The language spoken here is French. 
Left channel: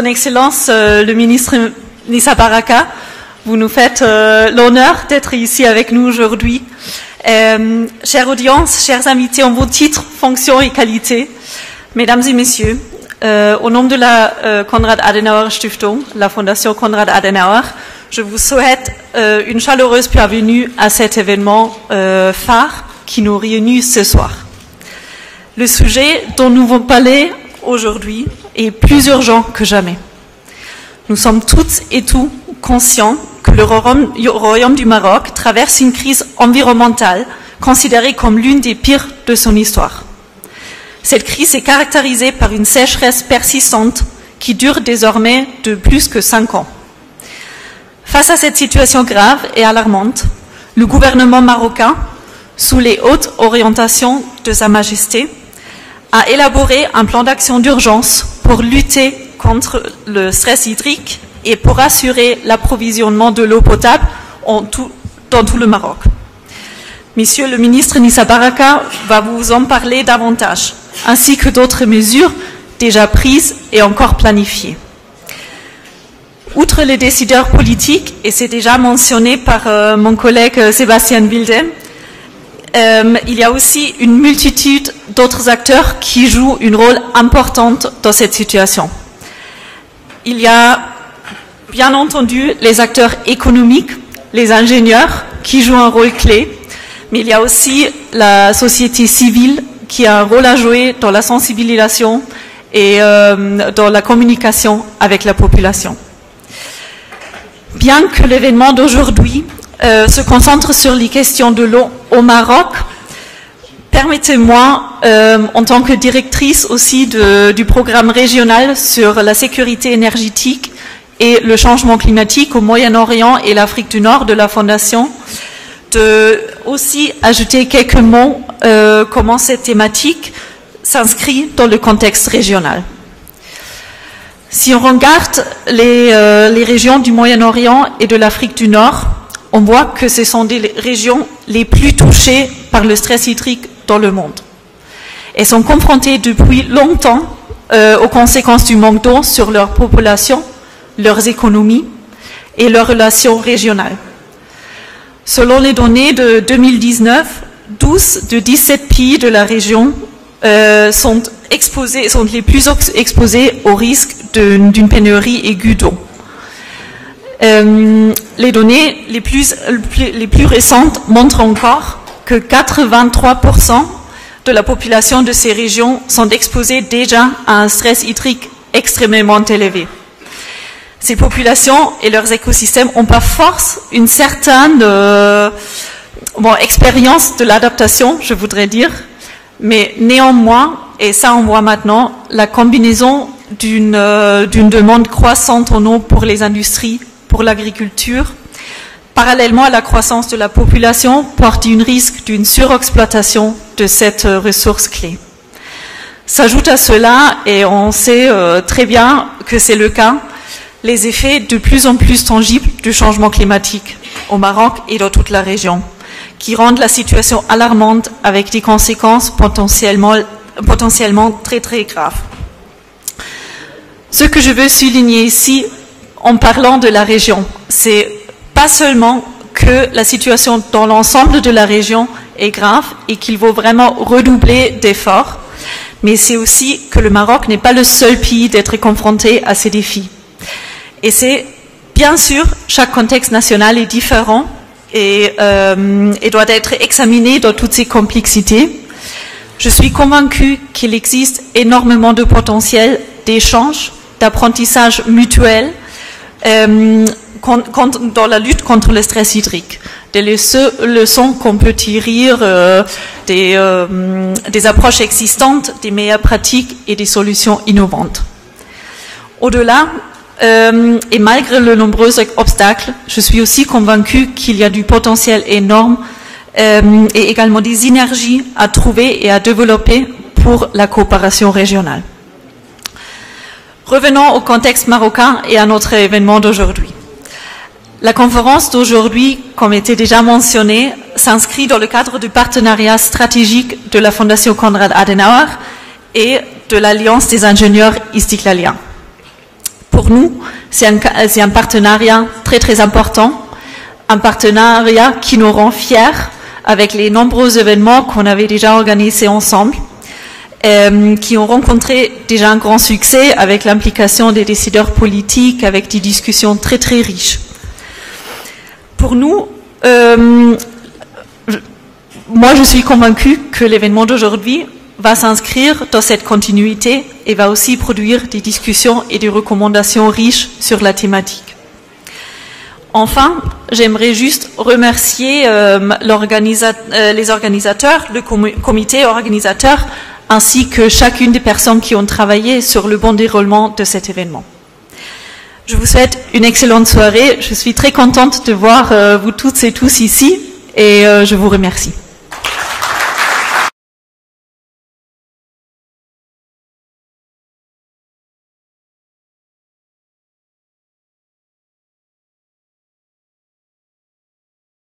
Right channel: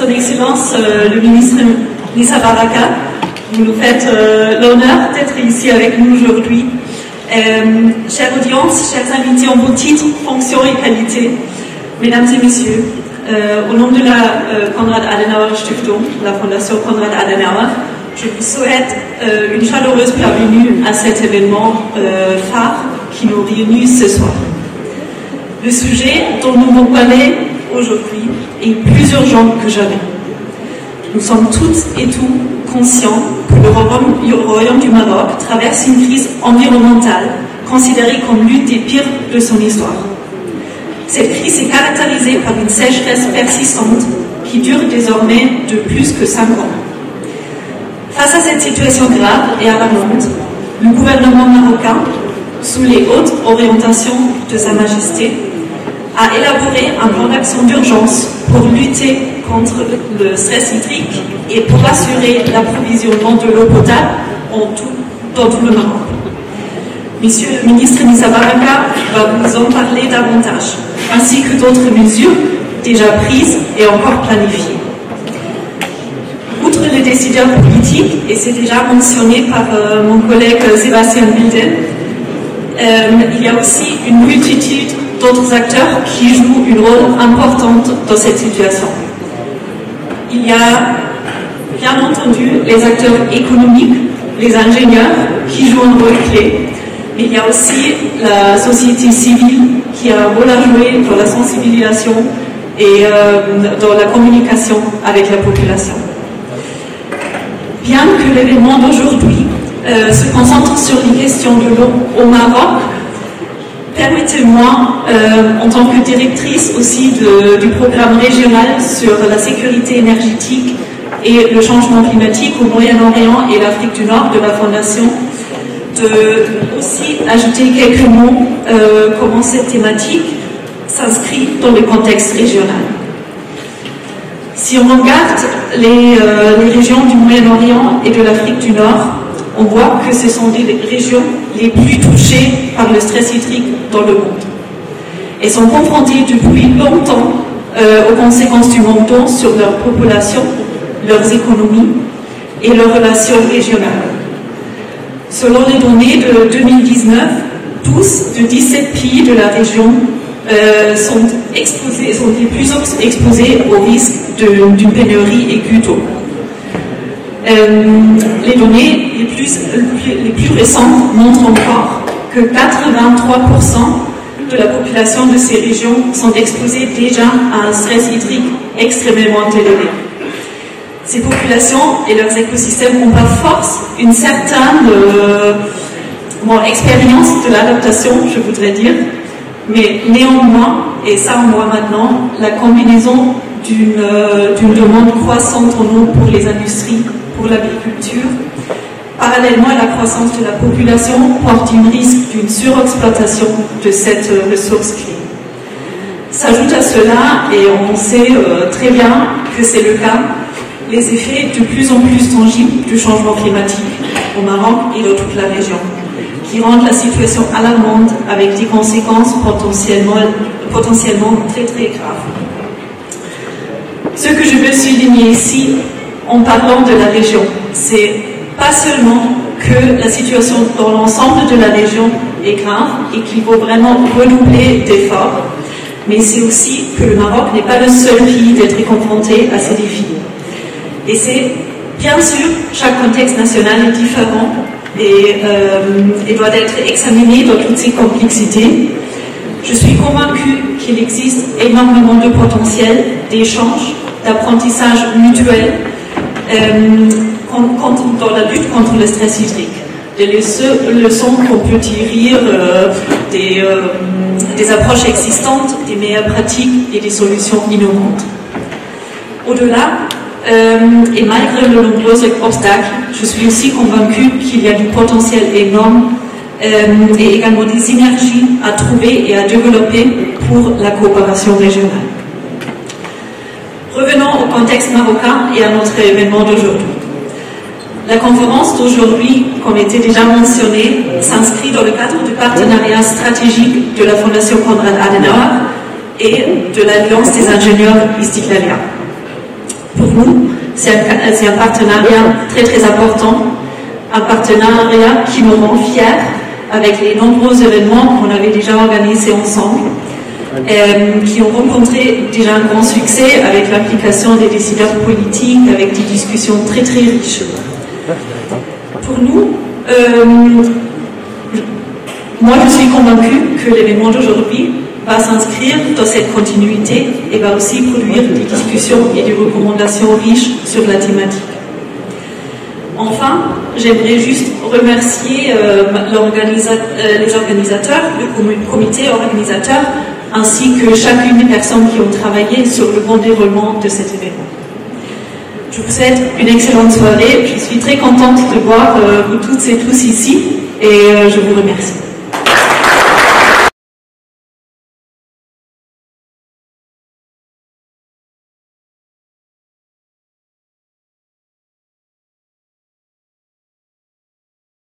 Son Excellence, le ministre Nissa Baraka, vous nous faites l'honneur d'être ici avec nous aujourd'hui. Chère audience, chers invités en vos titres, fonctions et qualités, mesdames et messieurs, au nom de la Konrad Adenauer Stiftung, la Fondation Konrad Adenauer, je vous souhaite une chaleureuse bienvenue à cet événement phare qui nous réunit ce soir. Le sujet dont nous allons parler aujourd'hui est plus urgent que jamais. Nous sommes toutes et tous conscients que le Royaume du Maroc traverse une crise environnementale considérée comme l'une des pires de son histoire. Cette crise est caractérisée par une sécheresse persistante qui dure désormais de plus que 5 ans. Face à cette situation grave et alarmante, le gouvernement marocain, sous les hautes orientations de Sa Majesté, a élaboré un plan d'action d'urgence pour lutter contre le stress hydrique et pour assurer l'approvisionnement de l'eau potable dans tout le Maroc. Monsieur le ministre Nissa Baraka va vous en parler davantage, ainsi que d'autres mesures déjà prises et encore planifiées. Outre les décideurs politiques, et c'est déjà mentionné par mon collègue Sébastien Wilde, il y a aussi une multitude d'autres acteurs qui jouent un rôle important dans cette situation. Il y a bien entendu les acteurs économiques, les ingénieurs qui jouent un rôle clé, mais il y a aussi la société civile qui a un rôle à jouer dans la sensibilisation et dans la communication avec la population. Bien que l'événement d'aujourd'hui se concentre sur les questions de l'eau au Maroc, permettez-moi, en tant que directrice aussi du programme régional sur la sécurité énergétique et le changement climatique au Moyen-Orient et l'Afrique du Nord de la Fondation, de aussi ajouter quelques mots comment cette thématique s'inscrit dans le contexte régional. Si on regarde les régions du Moyen-Orient et de l'Afrique du Nord, on voit que ce sont des régions les plus touchées par le stress hydrique dans le monde. Elles sont confrontées depuis longtemps aux conséquences du manque d'eau sur leur population, leurs économies et leurs relations régionales. Selon les données de 2019, 12 de 17 pays de la région sont les plus exposés au risque d'une pénurie aiguë d'eau. Les données les plus récentes montrent encore que 83% de la population de ces régions sont exposées déjà à un stress hydrique extrêmement élevé. Ces populations et leurs écosystèmes ont par force une certaine expérience de l'adaptation, je voudrais dire, mais néanmoins, et ça on voit maintenant, la combinaison d'une demande croissante en eau pour les industries, pour l'agriculture, parallèlement à la croissance de la population, porte un risque d'une surexploitation de cette ressource clé. S'ajoute à cela, et on sait très bien que c'est le cas, les effets de plus en plus tangibles du changement climatique au Maroc et dans toute la région, qui rendent la situation alarmante avec des conséquences potentiellement très très graves. Ce que je veux souligner ici, en parlant de la région, c'est pas seulement que la situation dans l'ensemble de la région est grave et qu'il faut vraiment redoubler d'efforts, mais c'est aussi que le Maroc n'est pas le seul pays d'être confronté à ces défis. Et c'est, bien sûr, chaque contexte national est différent et doit être examiné dans toutes ses complexités. Je suis convaincue qu'il existe énormément de potentiel d'échange, d'apprentissage mutuel dans la lutte contre le stress hydrique. Des leçons qu'on peut tirer des approches existantes, des meilleures pratiques et des solutions innovantes. Au-delà, et malgré de nombreux obstacles, je suis aussi convaincue qu'il y a du potentiel énorme et également des synergies à trouver et à développer pour la coopération régionale. Revenons au contexte marocain et à notre événement d'aujourd'hui. La conférence d'aujourd'hui, comme était déjà mentionné, s'inscrit dans le cadre du partenariat stratégique de la Fondation Konrad Adenauer et de l'Alliance des ingénieurs istiklaliens. pour nous, c'est un partenariat très très important, un partenariat qui nous rend fiers avec les nombreux événements qu'on avait déjà organisés ensemble, qui ont rencontré déjà un grand succès avec l'implication des décideurs politiques, avec des discussions très très riches. Pour nous, moi je suis convaincue que l'événement d'aujourd'hui va s'inscrire dans cette continuité et va aussi produire des discussions et des recommandations riches sur la thématique. Enfin, j'aimerais juste remercier les organisateurs, le comité organisateur, ainsi que chacune des personnes qui ont travaillé sur le bon déroulement de cet événement. Je vous souhaite une excellente soirée. Je suis très contente de voir vous toutes et tous ici et je vous remercie.